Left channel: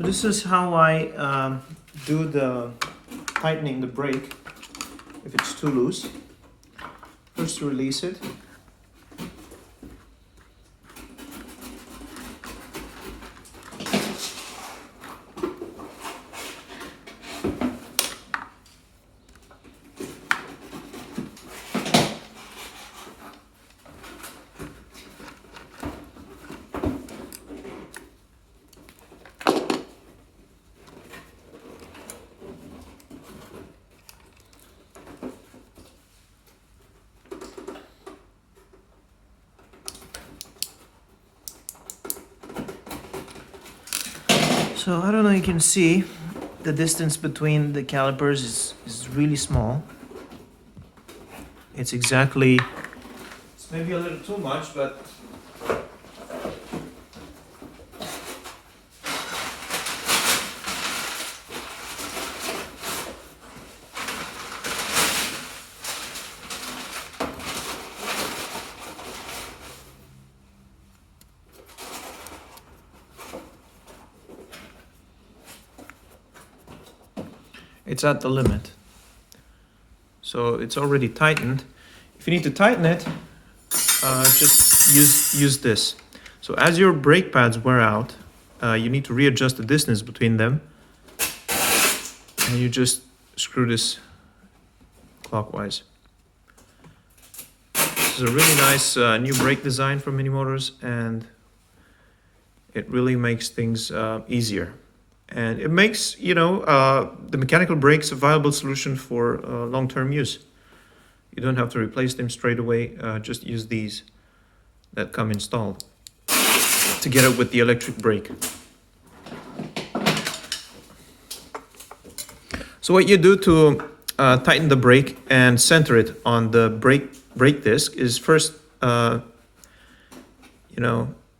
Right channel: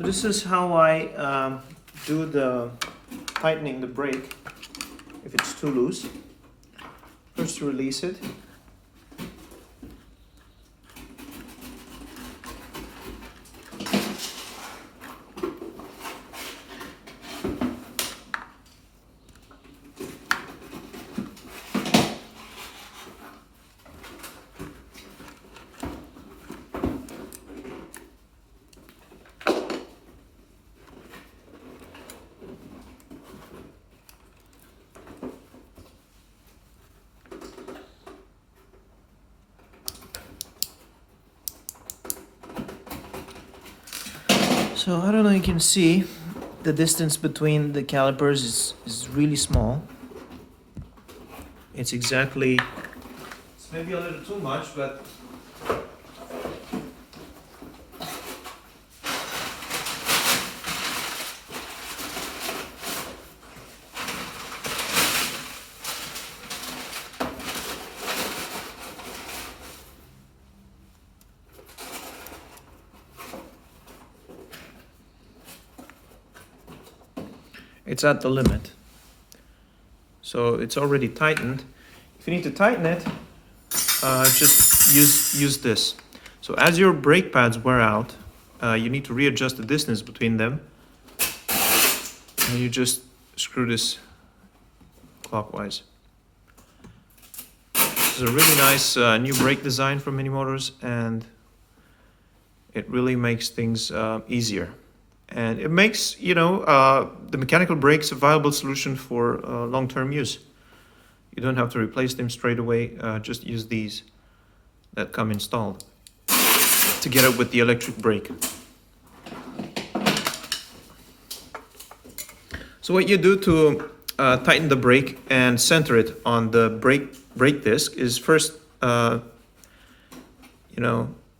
So this is how I do the tightening the brake if it's too loose. First you release it. So I don't know if you can see the distance between the calipers is really small. It's exactly, it's maybe a little too much, but it's at the limit. So it's already tightened. If you need to tighten it, just use this. So as your brake pads wear out, you need to readjust the distance between them. And you just screw this clockwise. This is a really nice new brake design from Mini Motors, and it really makes things easier. And it makes, the mechanical brakes a viable solution for long-term use. You don't have to replace them straight away, just use these that come installed together with the electric brake. So what you do to tighten the brake and center it on the brake disc is first,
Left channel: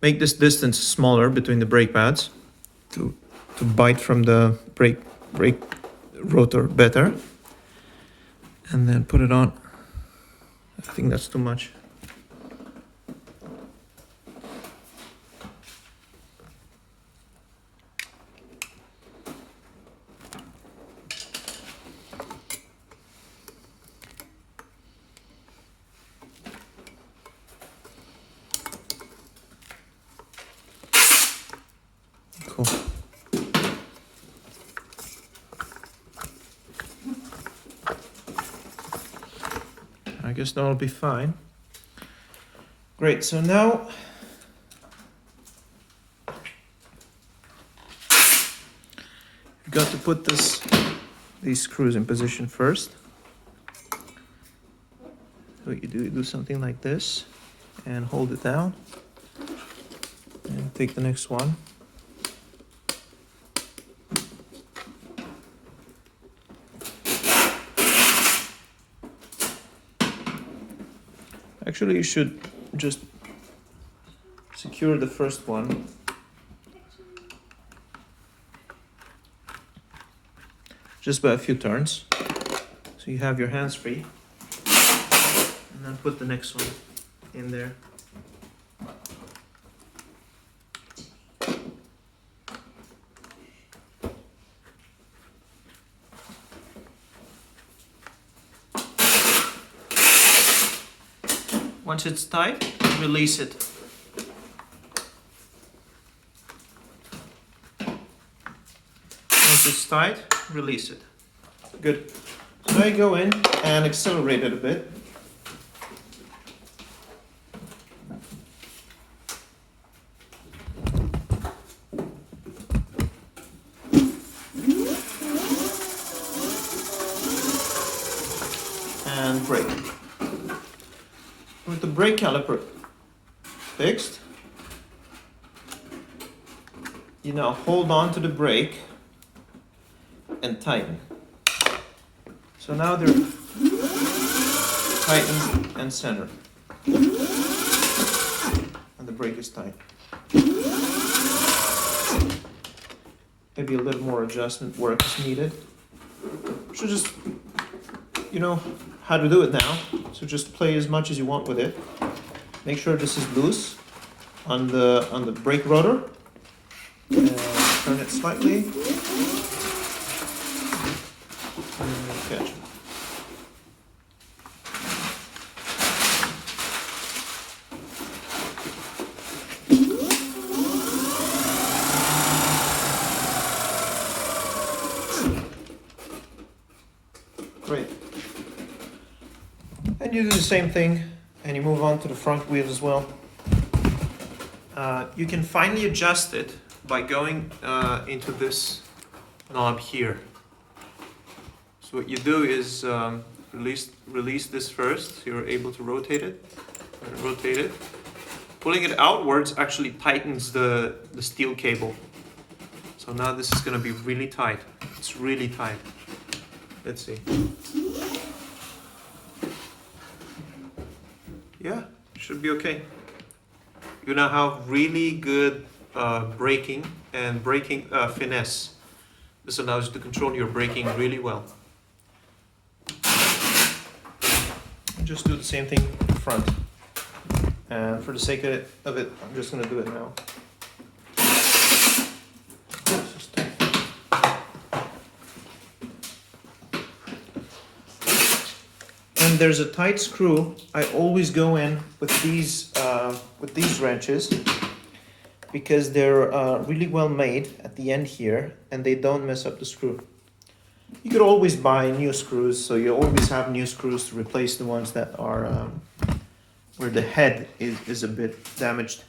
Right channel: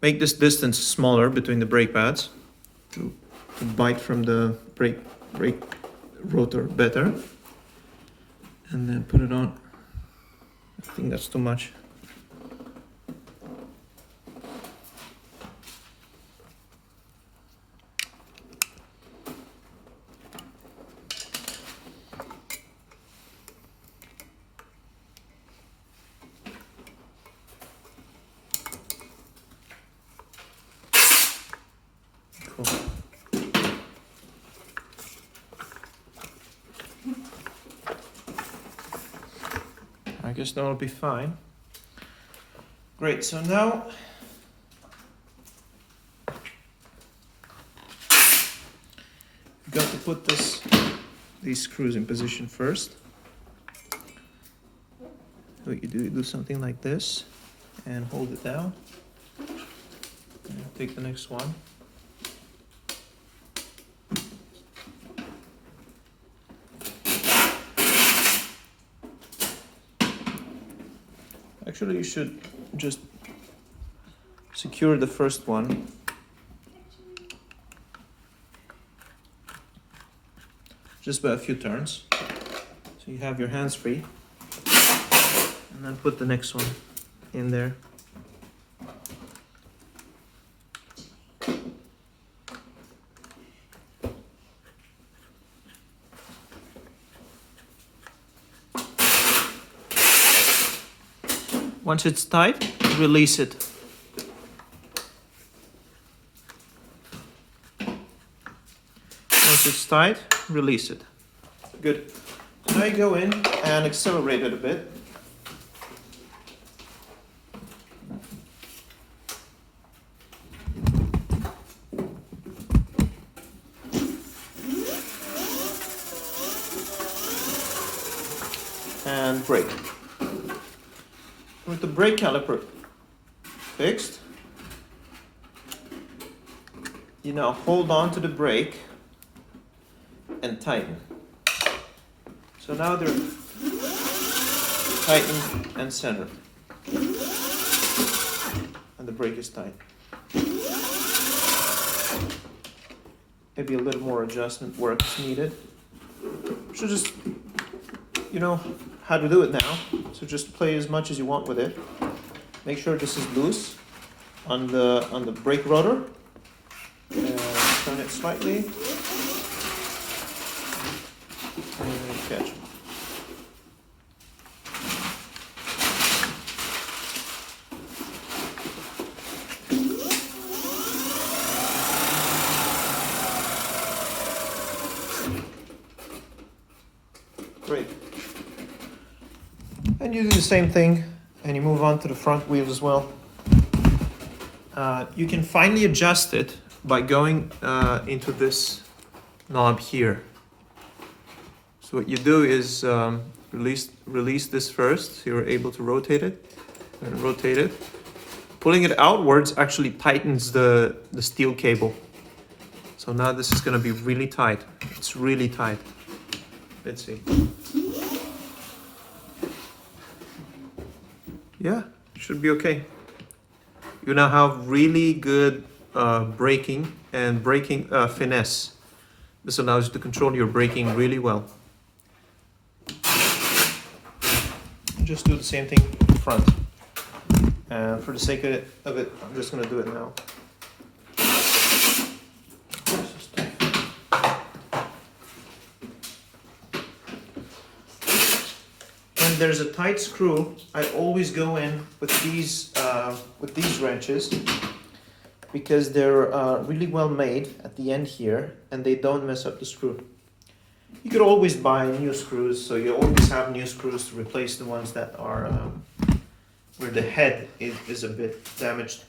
make this distance smaller between the brake pads to bite from the brake rotor better, and then put it on. I think that's too much. Cool. I guess that'll be fine. Great, so now you've got to put these screws in position first. So what you do something like this and hold it down. And take the next one. Actually, you should just secure the first one just by a few turns, so you have your hands free, and then put the next one in there. Once it's tight, release it. Once it's tight, release it. Good. So now you go in and accelerate it a bit. And brake. With the brake caliper fixed, you now hold on to the brake and tighten. So now they're tightened and centered, and the brake is tight. Maybe a little more adjustment work is needed. So just, you know how to do it now. So just play as much as you want with it. Make sure this is loose on the brake rotor. And turn turn it slightly. And then catch it. Great. And you do the same thing, and you move on to the front wheels as well. You can finally adjust it by going into this knob here. So what you do is release this first, so you're able to rotate it, and rotate it. Pulling it outwards actually tightens the steel cable. So now this is going to be really tight. It's really tight. Let's see. Yeah, should be okay. You now have really good braking and braking finesse. This allows you to control your braking really well. Just do the same thing in the front. And for the sake of it, I'm just going to do it now. And there's a tight screw. I always go in with these wrenches because they're really well made at the end here, and they don't mess up the screw. You could always buy new screws, so you always have new screws to replace the ones that are where the head is a bit damaged.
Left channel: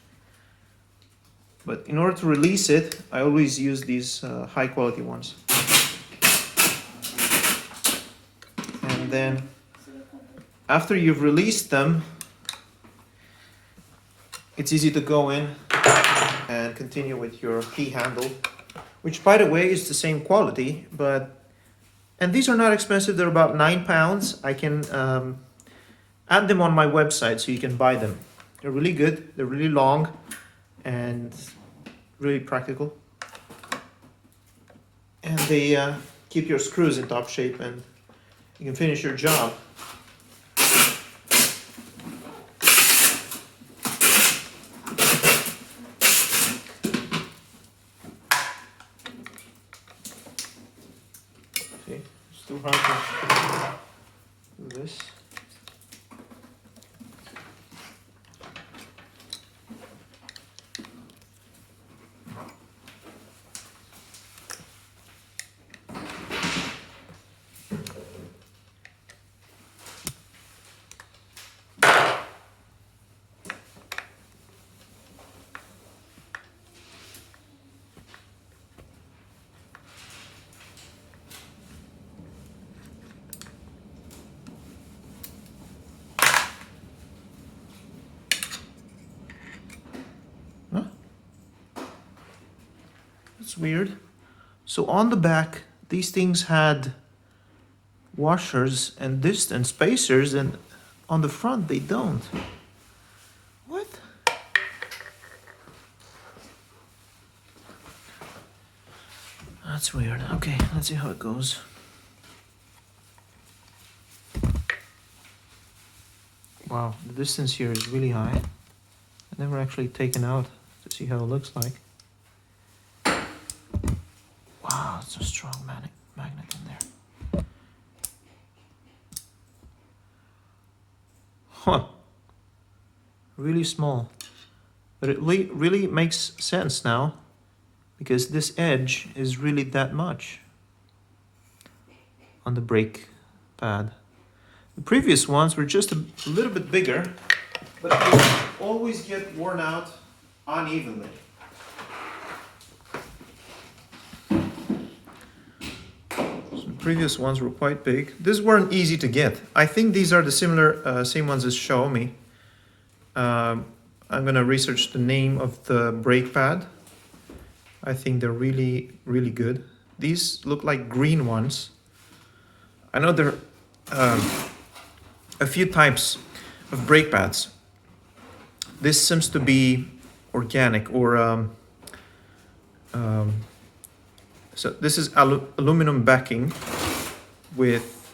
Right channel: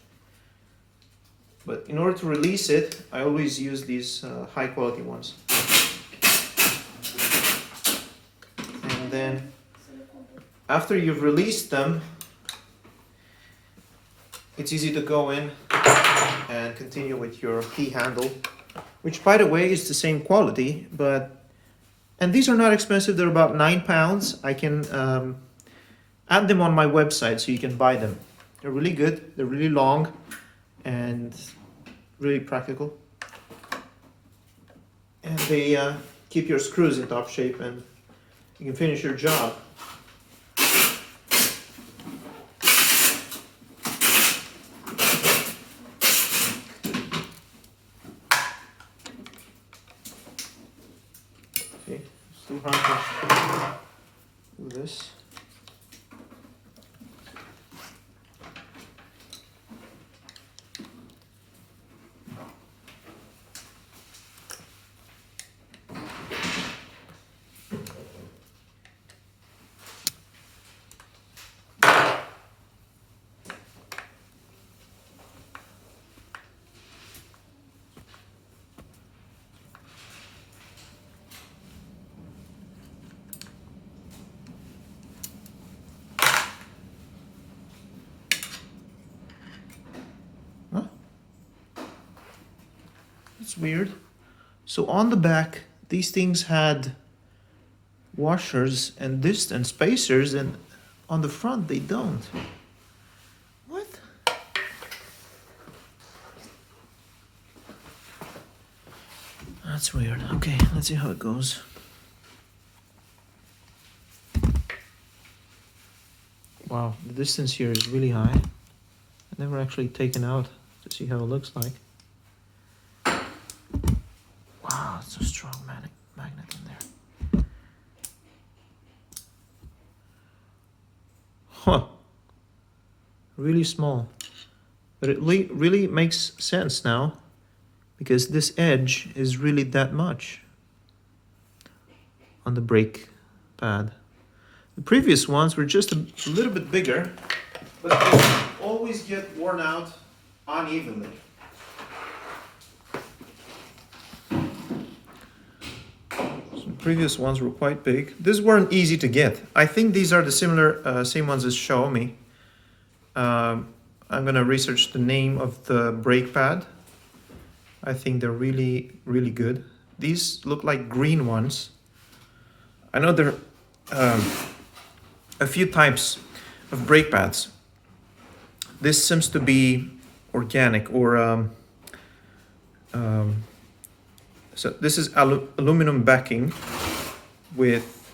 But in order to release it, I always use these high quality ones. And then after you've released them, it's easy to go in and continue with your key handle, which by the way is the same quality, and these are not expensive. They're about £9. I can add them on my website so you can buy them. They're really good, they're really long, and really practical. And they keep your screws in top shape, and you can finish your job. See, still hard to do this. It's weird. So on the back, these things had washers and distance spacers, and on the front they don't. What? That's weird. Okay, let's see how it goes. Wow, the distance here is really high. I've never actually taken out to see how it looks like. Wow, it's a strong magnet in there. Huh. Really small. But it really makes sense now, because this edge is really that much on the brake pad. The previous ones were just a little bit bigger, but they always get worn out unevenly. Previous ones were quite big. These weren't easy to get. I think these are the same ones as Xiaomi. I'm gonna research the name of the brake pad. I think they're really, really good. These look like green ones. I know there are a few types of brake pads. This seems to be organic, or so this is aluminum backing with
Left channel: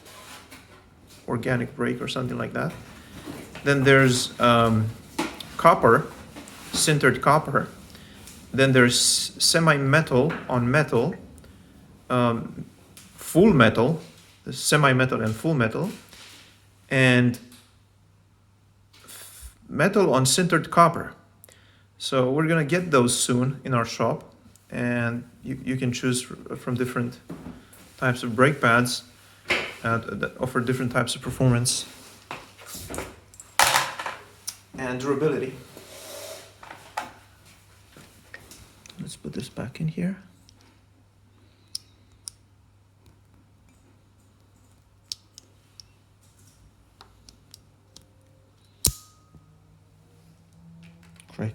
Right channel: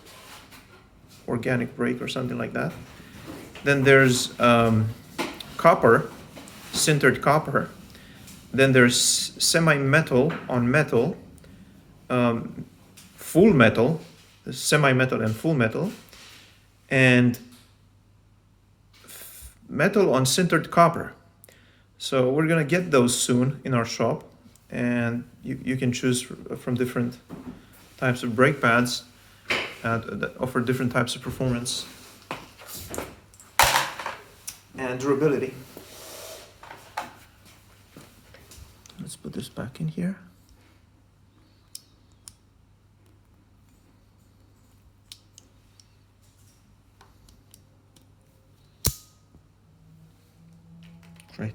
organic brake or something like that. Then there's copper, sintered copper. Then there's semi-metal on metal, full metal, semi-metal and full metal, and metal on sintered copper. So we're gonna get those soon in our shop, and you can choose from different types of brake pads that offer different types of performance and durability. Let's put this back in here. Great.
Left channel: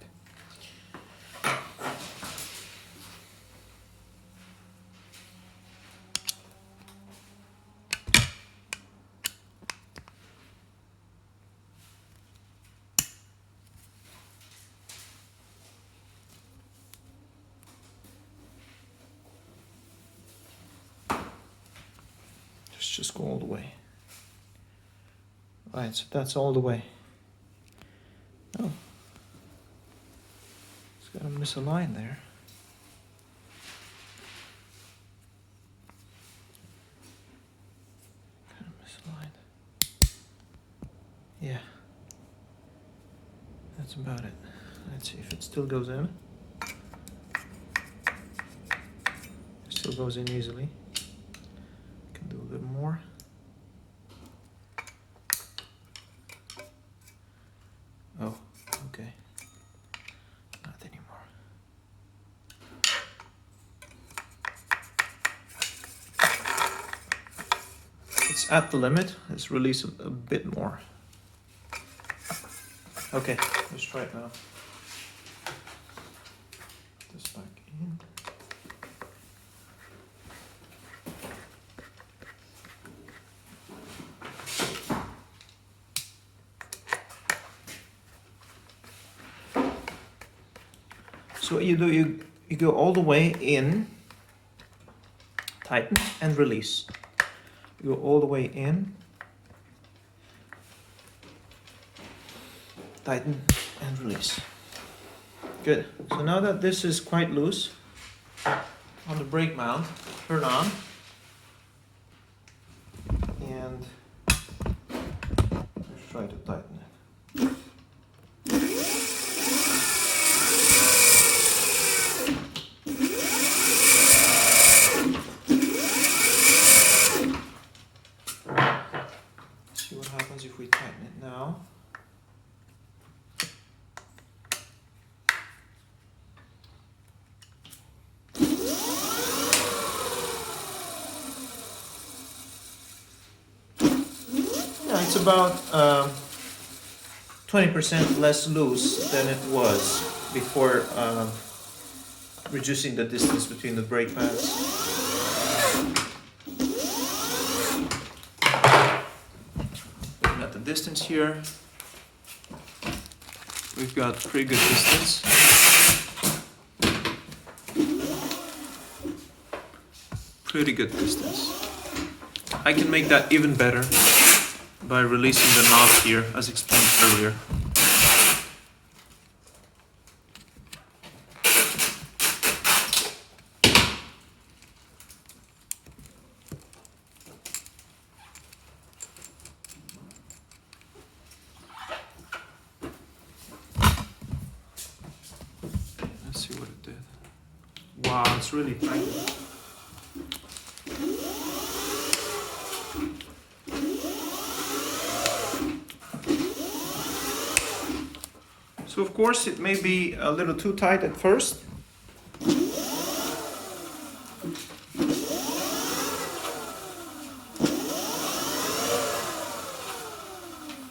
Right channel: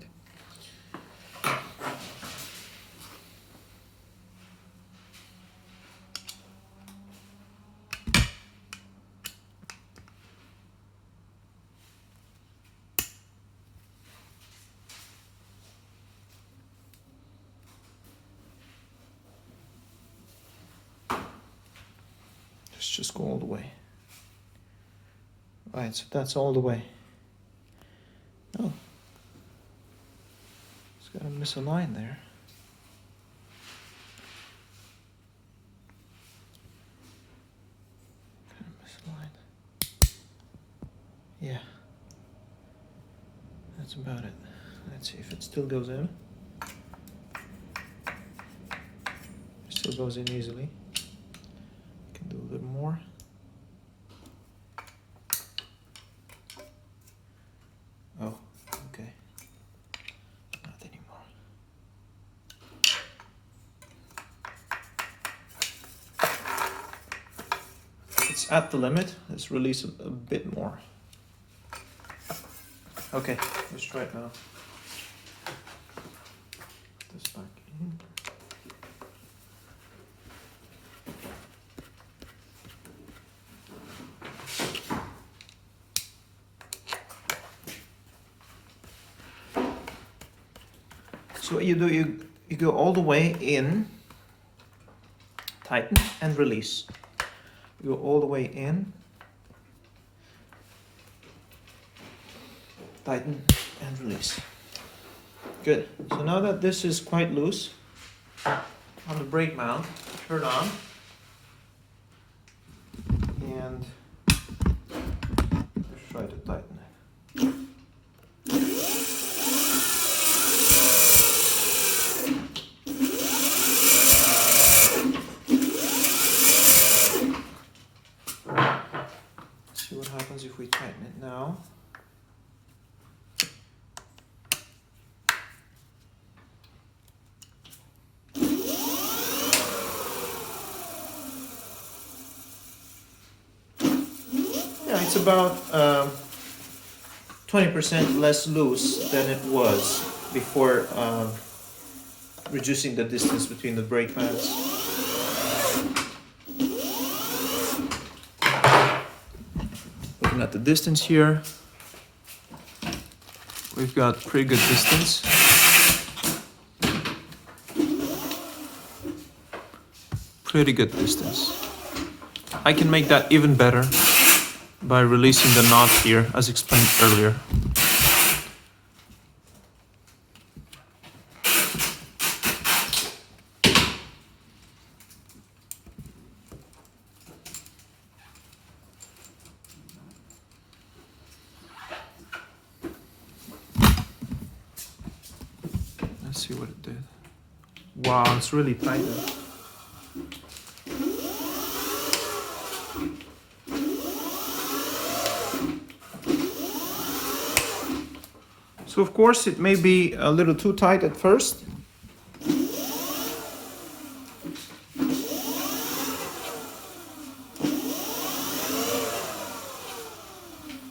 Just go all the way. Right, so that's all the way. Oh, it's got to miss a line there. Kind of miss a line. Yeah, that's about it. Let's see if it still goes in. It still goes in easily. Do a little more. Oh, okay. Not anymore. It's at the limit. Let's release a bit more. Okay, let's try it now. Put this back in. So what you do, you go all the way in, tighten and release. You go all the way in, tighten and release. Good. So now that this is quite loose, on the brake mount, turn on, and let's try to tighten it. If we tighten it now. Yeah, it's about 20% less loose than it was before reducing the distance between the brake pads. At the distance here, we've got pretty good distance. Pretty good distance. I can make that even better by releasing the knot here, as explained earlier. Let's see what it did. Wow, it's really tight. So of course it may be a little too tight at first.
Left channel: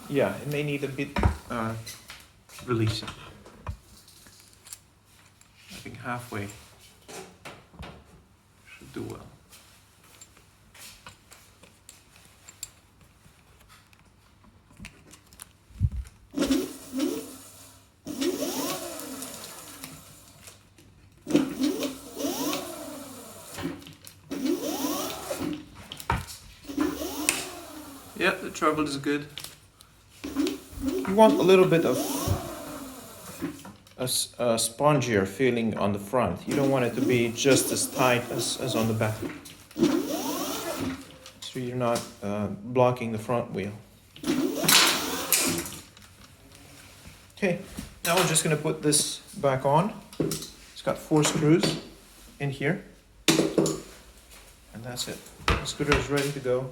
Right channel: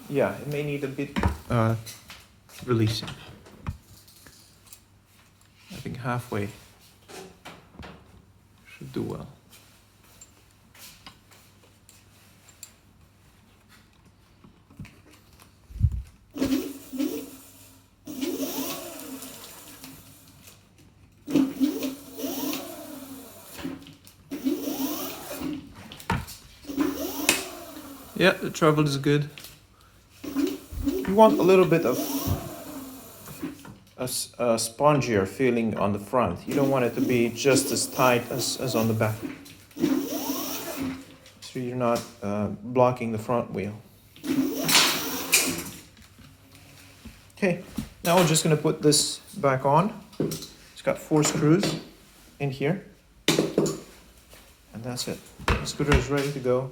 Yeah, it may need a bit releasing. I think halfway should do well. Yeah, the travel is good. You want a little bit of a spongier feeling on the front. You don't want it to be just as tight as on the back. So you're not blocking the front wheel. Okay, now we're just gonna put this back on. It's got 4 screws in here. And that's it. The scooter is ready to go.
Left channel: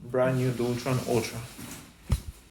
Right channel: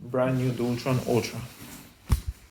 Brand new Dualtron Ultra.